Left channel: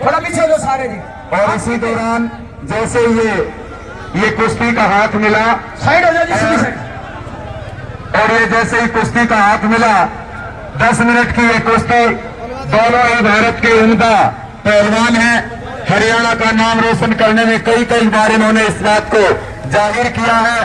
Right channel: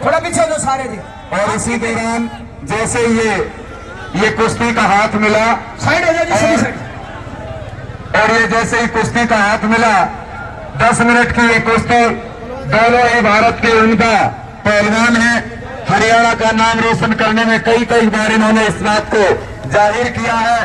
थोड़ा पीछे हो जाओ सारे जी। और इसी दौरान जैसे ये कुश्ती का हाथ मिला, साइड हो जाओ जी, सभी साइड। और ये जैसे ही कुश्ती का हाथ मिला, 10 मिनट की ये कुश्ती, दोनों ही भारत के उम्दा पहलवान हैं। हरियाणा का नाम रोशन करने में कई बार इन्होंने इस बात को जाहिर किया है,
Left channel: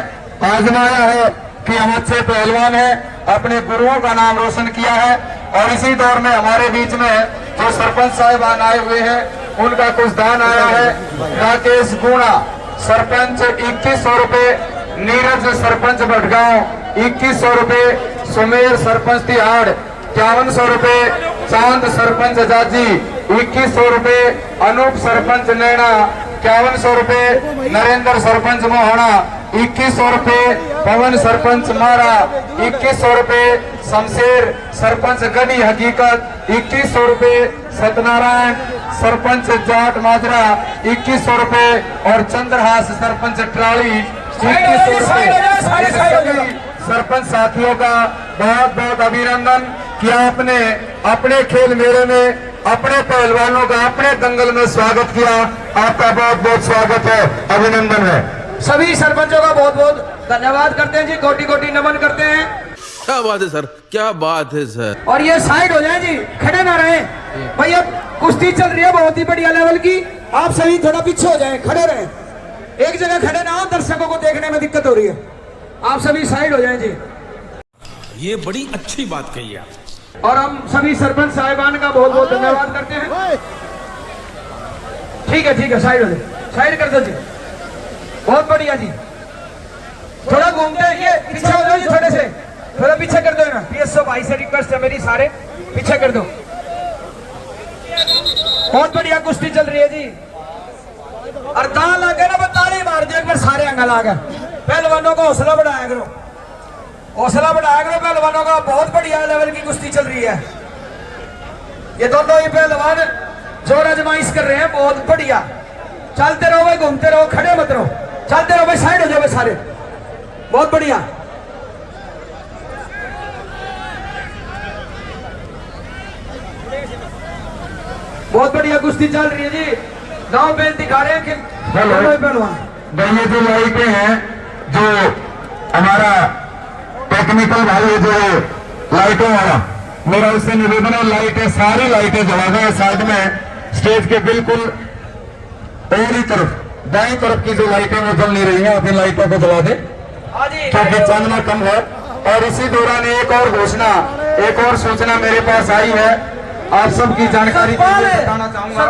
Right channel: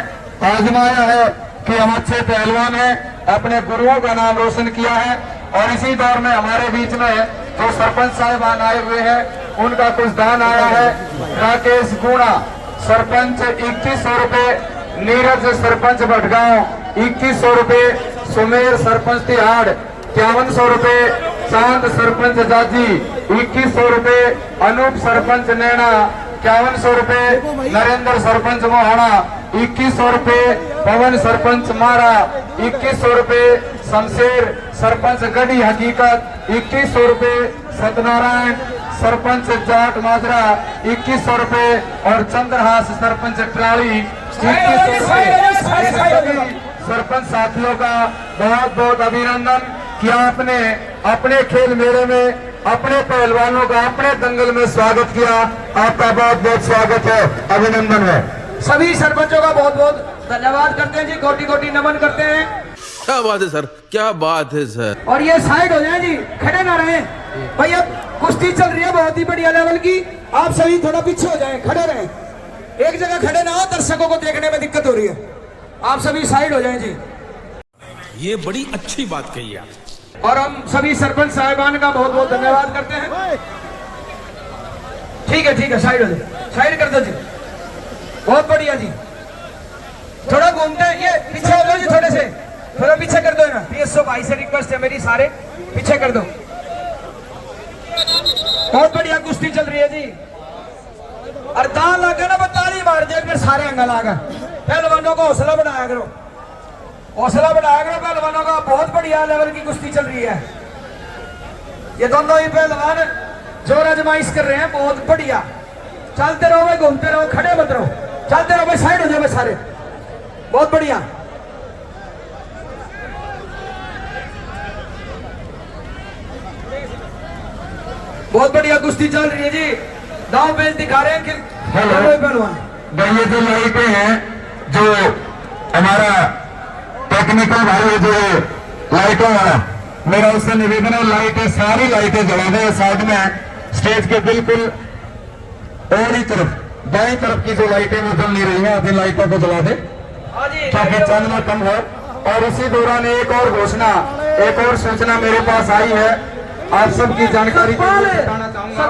आजमाया है कि हम अच्छे पहलवान हैं, अपने गुरुओं का नाम रोशन किया है। और इसी दौर में हमारे बीच में जो सरपंच साहिबान आए हुए हैं, उनका कुछ दान आया है। राकेश गुणा सरपंच 2100 रुपए, नीरज सरपंच भटगांव 2100 रुपए, सुमेर सरपंच तिहाड़ 5100 रुपए, चांद सरपंच जाजी 2100 रुपए, अनूप सरपंच नैना 5100 रुपए, नरेंद्र सरपंच मोहाना 2100 रुपए, पवन सरपंच मारा 2100 रुपए, शमशेर सरपंच गढ़ी हकीकत 2100 रुपए, सत्यनारायण सरपंच जाट माजरा 2100 रुपए और चंद्रहास सरपंच ट्राली 2100 रुपए। सरपंच साथियों का बहुत बहुत अभिनंदन कि आपने अपने खेल मेले में अपने पहलवानों का अपने दंगल में स्वागत किया। आपका बहुत बहुत स्वागत है, अभिनंदन है। सभी सरपंचों का बहुत बहुत धन्यवाद करते हैं जी, कोटि कोटि नमन करते हैं। क्या बात है सर, क्या बात है सर। और ये साइड हो जाए जी, खड़े ना रहे भैया, कुश्ती चल रही है बहुत ही बढ़िया लेवल की। आप सभी थोड़ा पीछे हो जाए, खड़े रहे, एक जगह खड़े ना हो, दर्शकों को देखने में दिक्कत हो रही है। आप सभी साइड हो जाए जी। ये बड़ी अच्छी बात कही आप। और हम सभी सरपंच साहिबान का बहुत बहुत धन्यवाद करते हैं। ठीक है, साइड हो जाए, साइड कर दो जी, बहुत बढ़िया जी। थोड़ा घूमते ये पीछे हो जाओ जी, थोड़े से थोड़ा पीछे कर दो ना। पीएसओ भाई से रिक्वेस्ट है मेरी, सारे पीछे कर दो। बहुत बढ़िया कुश्ती चल रही है जी। और दांत लागे ना, वो ताली मार दिया एक बार सारे अंगल आकर। पहलवानों को हौसला बढ़ाया करो, हौसला बढ़ाया करो पहलवानों का। बहुत बढ़िया लेवल की कुश्ती चल रही है। ये दोनों ही पहलवान जोर आजमाइश कर रहे हैं, बहुत बढ़िया। चलते रहो भाई, घूमते रहो, खड़े मत रहो, चलते रहो भाई, साइड हो जाओ भाई सारे, बहुत बढ़िया। बहुत बढ़िया कुश्ती चल रही है जी। दांव पे दिखा रहे हैं कि पहलवान ये जो लाइटें हैं, जो हमारा टेक्निकल भाई है, जो लाइटों वाला, मेरा उससे निवेदन है, लाइटें सारी लाइटें जला दें साइड में, स्टेज के बिल्कुल पहली तरफ दाएं तरफ की जो लाइटें वो जल नहीं रही हैं, अपनी लाइटों को जला दें क्योंकि चांदना कम है। और इसी दौरान एक और घोषणा, एक और सूचना मेरे पास आई है, आप सबकी जानकारी के लिए बताना चाहूंगा।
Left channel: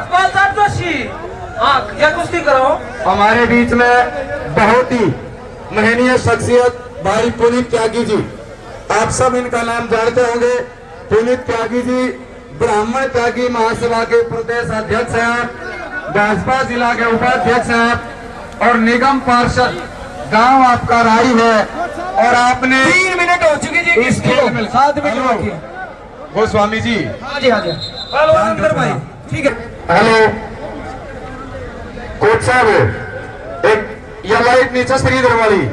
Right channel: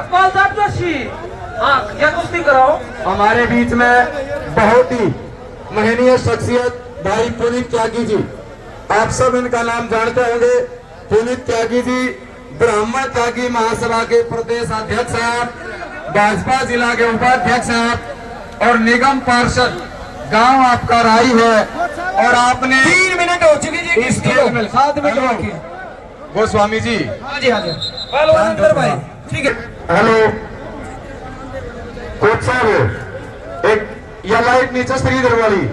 कुश्ती कराओ। हमारे बीच में बहुत ही महनीय शख्सियत भाई पुनीत त्यागी जी, आप सब इनका नाम जानते होंगे। पुनीत त्यागी जी ब्राह्मण त्यागी महासभा के प्रदेश अध्यक्ष हैं, भाजपा जिला के उपाध्यक्ष हैं और निगम पार्षद गांव आपका राई है। और आपने 3 मिनट हो चुकी जी, इस खेल में 7 मिनट गोस्वामी जी, हाँ जी भाई, ठीक है। हेलो कोच साहब, एक यह लाइट नीचे श्रीधर वाली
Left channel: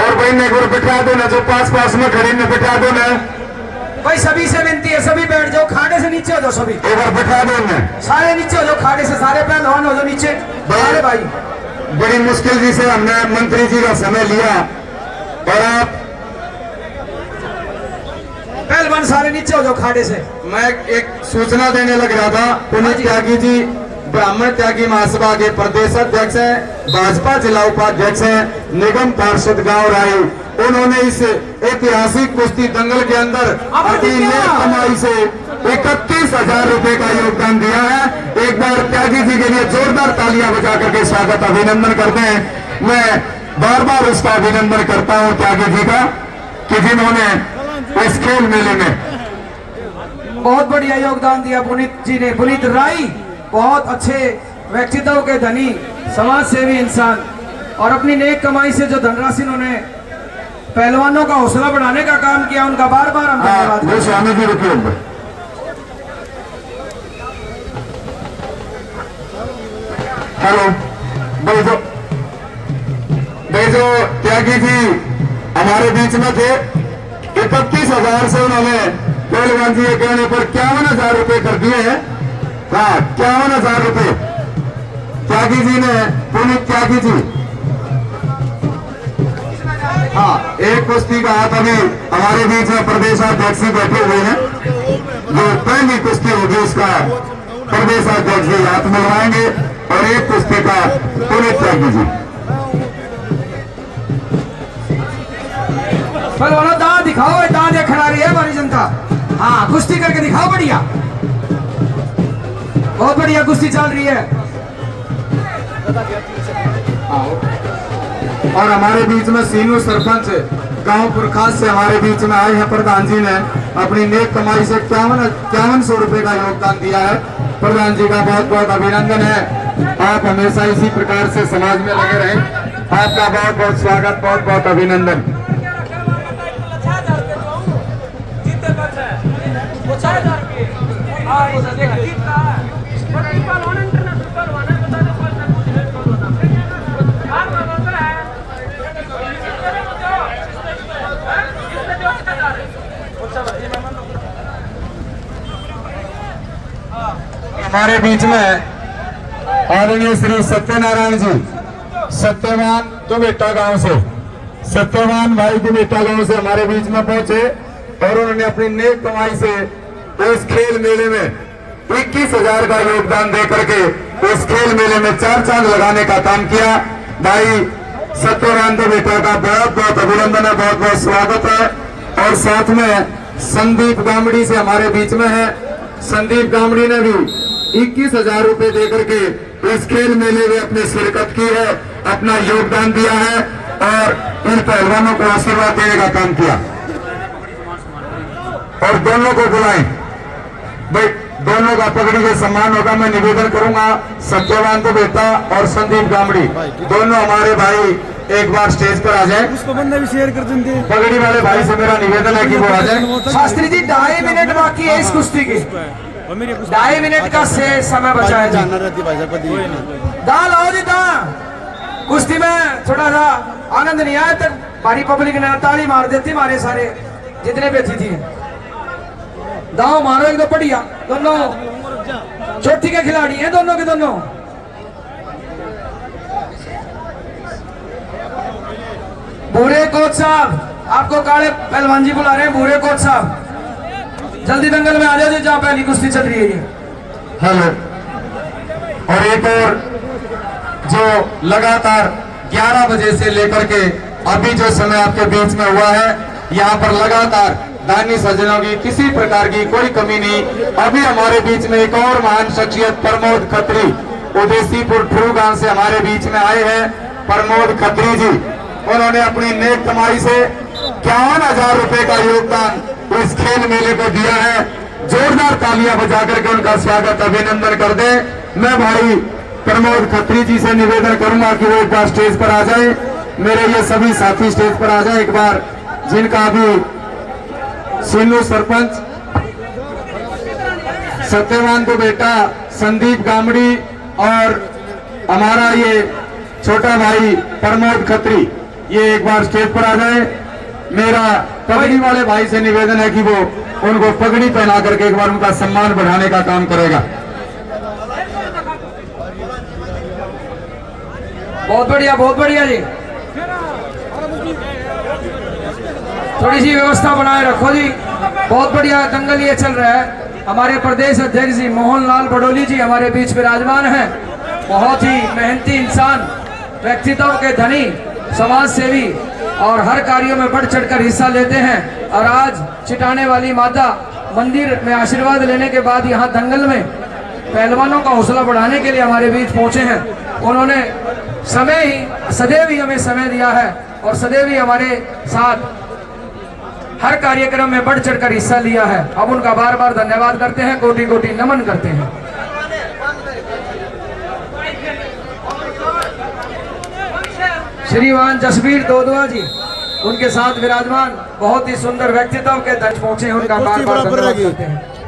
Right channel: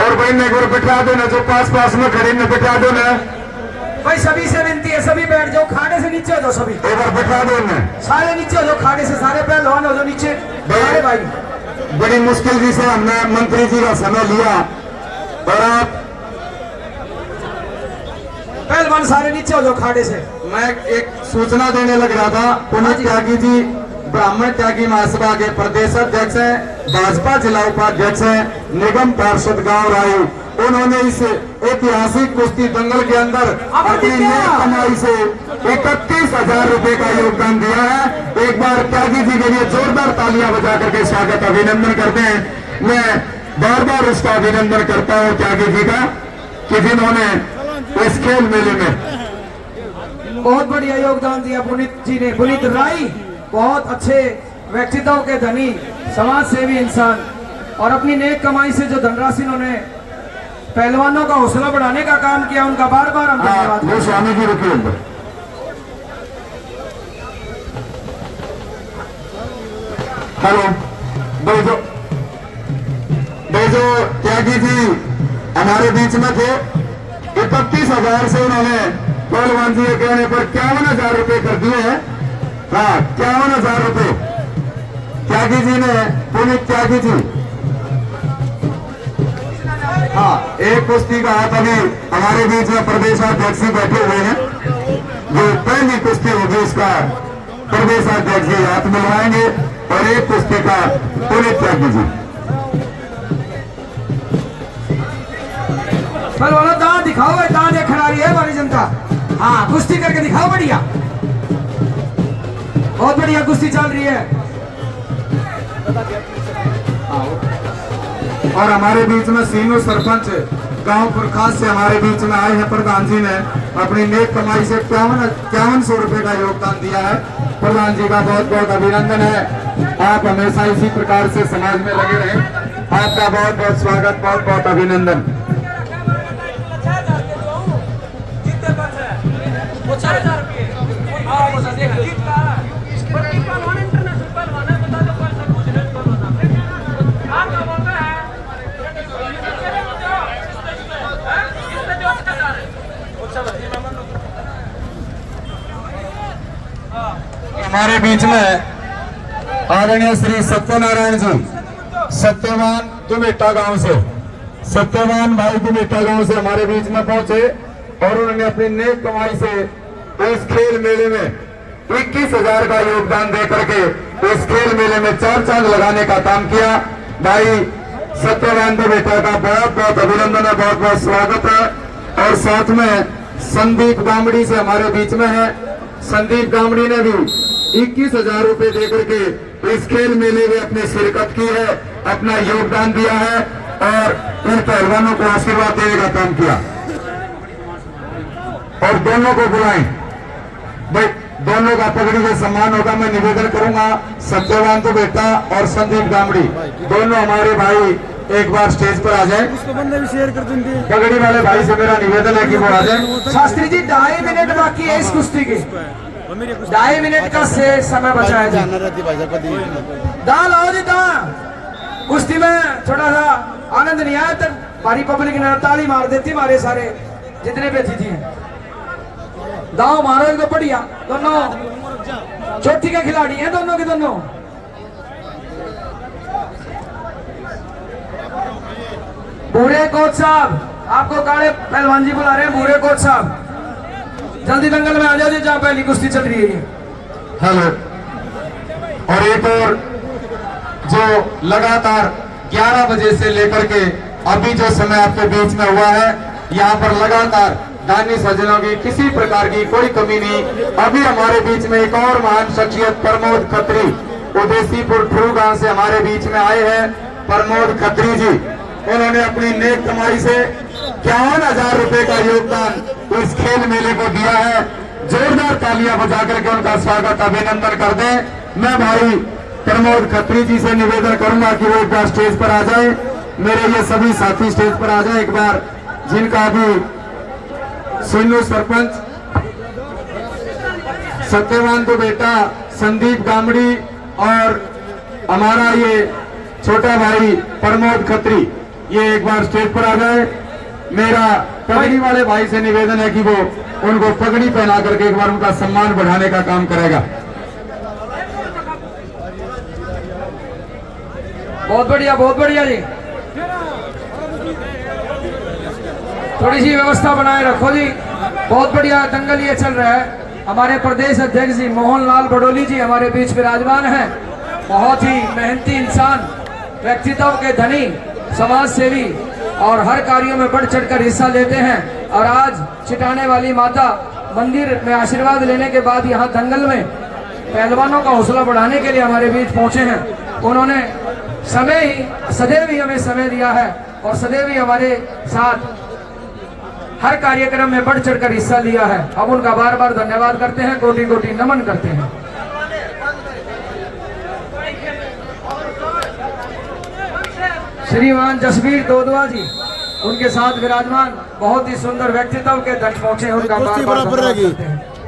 और भाई ने बिठा दो ना, जो पास में खड़े ने बिठा दो ना भाई। सभी से विनती है, सभी बैठ जाओ, खाने से नीचे हो जाओ, सभी एक बार बिठा दो ना, सारे नीचे हो जाओ, खाने से सारे पहलवान हो जाओ नीचे। अरे भाई बड़ी मुश्किल जी से हमने मंत्री जी का समय लिया और आप पहलवान सारे नीचे हो जाओ खाने से। मैं एक सूचना देने लग रहा था। पुनीत त्यागी जी ब्राह्मण त्यागी महासभा के प्रदेश अध्यक्ष हैं, भाजपा जिला उपाध्यक्ष हैं, निगम पार्षद गांव राय। उन्होंने इस ऐतिहासिक कुश्ती दंगल के अंदर अपनी नई कमाई से 31,000 रुपए का योगदान दिया है। एक बार त्यागी जी के लिए जोरदार तालियां बजा करके स्वागत अभिनंदन करते हैं। मैं बार बार उसका अभिनंदन करता हूं त्यागी जी का कि जिन्होंने इस खेल मेले में बहुत बढ़िया योगदान दिया पुनीत जी ने। पुनीत राय बहुत अच्छे व्यक्तित्व के धनी, समाज सेवी इंसान, और अपनी नेक कमाई से जो धनराशि उन्होंने पहलवानों का हौसला बढ़ाने का काम किया, उनका बार बार हम धन्यवाद। स्वामी जी रुकिए, हेलो जो त्यागी जी हमारे बीच में थे, 31,000 से उन्होंने पहलवान जी के कहने पर 51,000 रुपए कर दिए हैं। हाँ 51,000 रुपए त्यागी जी ने, पुनीत त्यागी जी। हाँ, एक कुश्ती का हाथ अभी हमारे बीच में प्रदेशाध्यक्ष जी बैठे हुए हैं, जो पहली कुश्ती होगी उसका प्रदेशाध्यक्ष जी हाथ मिलवाएंगे, और एक कुश्ती का पुनीत त्यागी जी। पहलवानों दांत दिखाओ, दांत ये खड़ा रही है हमारी जनता। हाँ, कुश्ती करके दिखाओ, बढ़िया, बहुत बढ़िया कुश्ती चल रही है। और हमारे बीच में सीनू सरपंच गांव पुरखास से हमारे बीच में आए हैं। प्रधान जी ने अपनी नेक कमाई से 5100 रुपए का योगदान दिया है। प्रधान जी का बहुत बहुत अभिनंदन है। आप हमेशा इसी प्रकार से समाज में लगे रहें। आपका बहुत बहुत स्वागत, बहुत बहुत अभिनंदन। हमारे बीच में आदरणीय श्री सत्यनारायण जी, सत्यवान दुमेटा गांव से, सत्यवान भाई दुमेटा गांव से हमारे बीच में पहुंचे, और उन्होंने अपनी नेक कमाई से इस खेल मेले में 21,000 का योगदान दे करके इस खेल मेले में 4 चांद लगाने का काम किया। भाई सत्यवान दुमेटा का बहुत बहुत अभिनंदन है, बहुत बहुत स्वागत है। और साथ में संदीप गामड़ी से हमारे बीच में है। संदीप गामड़ी ने भी 21,000 रुपए दे करके इस खेल मेले में अपनी शिरकत की है, अपना योगदान दिया है, और इन पहलवानों को आशीर्वाद देने का काम किया। और दोनों को बुलाएं भाई, दोनों का पगड़ी का सम्मान होगा। मैं निवेदन करूंगा, सत्यवान तो बेटा और संदीप गामड़ी दोनों हमारे भाई एक बार स्टेज पर आ जाए। पगड़ी वाले भाई से मेरा निवेदन है कि वो आ जाए। शास्त्री जी 2.5 मिनट बाकी है इस कुश्ती के, 2.5 मिनट का से समय बचा है। दाल आओ जी, दाल कुश्ती में थोड़ा सा आनंद नहीं आया तक भारी पब्लिक ने ताली मार देती, मारे सारे जितने बेची थी। दाव मारो एकदम बढ़िया, दोनों चोटी के खिलाड़ी हैं, दोनों के दोनों। भूरे कोच साहब, आपको काले पहलवान जी बुला रहे हैं। भूरे कोच साहब जल्दी दंगल में आ जाओ जी, जहाँ पहली कुश्ती चल रही है। हेलो। और एक और जो लगातार 11 बजे से लेकर के अभी जो समय आपके बीच में हुआ है, यहाँ पर लगातार दानी सज्जनों की किसी प्रकार की कोई कमी नहीं। अभी हमारे बीच में एक और महान शख्सियत प्रमोद खत्री उदेसीपुर ठुरू गांव से हमारे बीच में आए हैं। प्रमोद खत्री जी, उन्होंने अपनी नेक कमाई से 51,000 रुपए का योगदान इस खेल मेले को दिया है। जोरदार तालियां बजा करके उनका स्वागत, अभिनंदन कर दें। मैं भाई प्रमोद खत्री जी से निवेदन करूंगा कि वो एक बार स्टेज पर आ जाए। मेरे ये सभी साथी स्टेज पर आ जाए एक बार, जिनका भी सीनू सरपंच, सत्यवान तो बेटा, संदीप गामड़ी और हमारा ये छोटा भाई प्रमोद खत्री, ये एक बार स्टेज पर आ जाए। मेरा पगड़ी वाले भाई से निवेदन है कि वो उनको पगड़ी पहना करके एक बार उनका सम्मान बढ़ाने का काम करेगा। बहुत बढ़िया जी, थोड़ी सी व्यवस्था बनाए रखो जी। बहुत बढ़िया दंगल ये चल रहा है। हमारे प्रदेश अध्यक्ष जी मोहन लाल बडोली जी हमारे बीच विराजमान हैं। बहुत ही मेहनती इंसान, व्यक्तित्व के धनी, समाज सेवी और हर कार्यों में बढ़ चढ़कर हिस्सा लेते हैं। और आज चिटाने वाली माता मंदिर में आशीर्वाद लेने के बाद यहाँ दंगल में पहलवानों का हौसला बढ़ाने के लिए हमारे बीच पहुंचे हैं। उन्होंने सदैव ही हमें समय दिया है और सदैव ही हमारे साथ हर कार्यक्रम में बढ़ चढ़कर हिस्सा लिया है। अब उनका बार बार धन्यवाद करते हैं, कोटि कोटि नमन करते हैं। श्रीमान जसवीर दोदवा जी उनके साथ विराजमान, बहुत ही सुंदर व्यक्तित्व के दर्ज पहुंचे, उनका बार बार धन्यवाद करते हैं।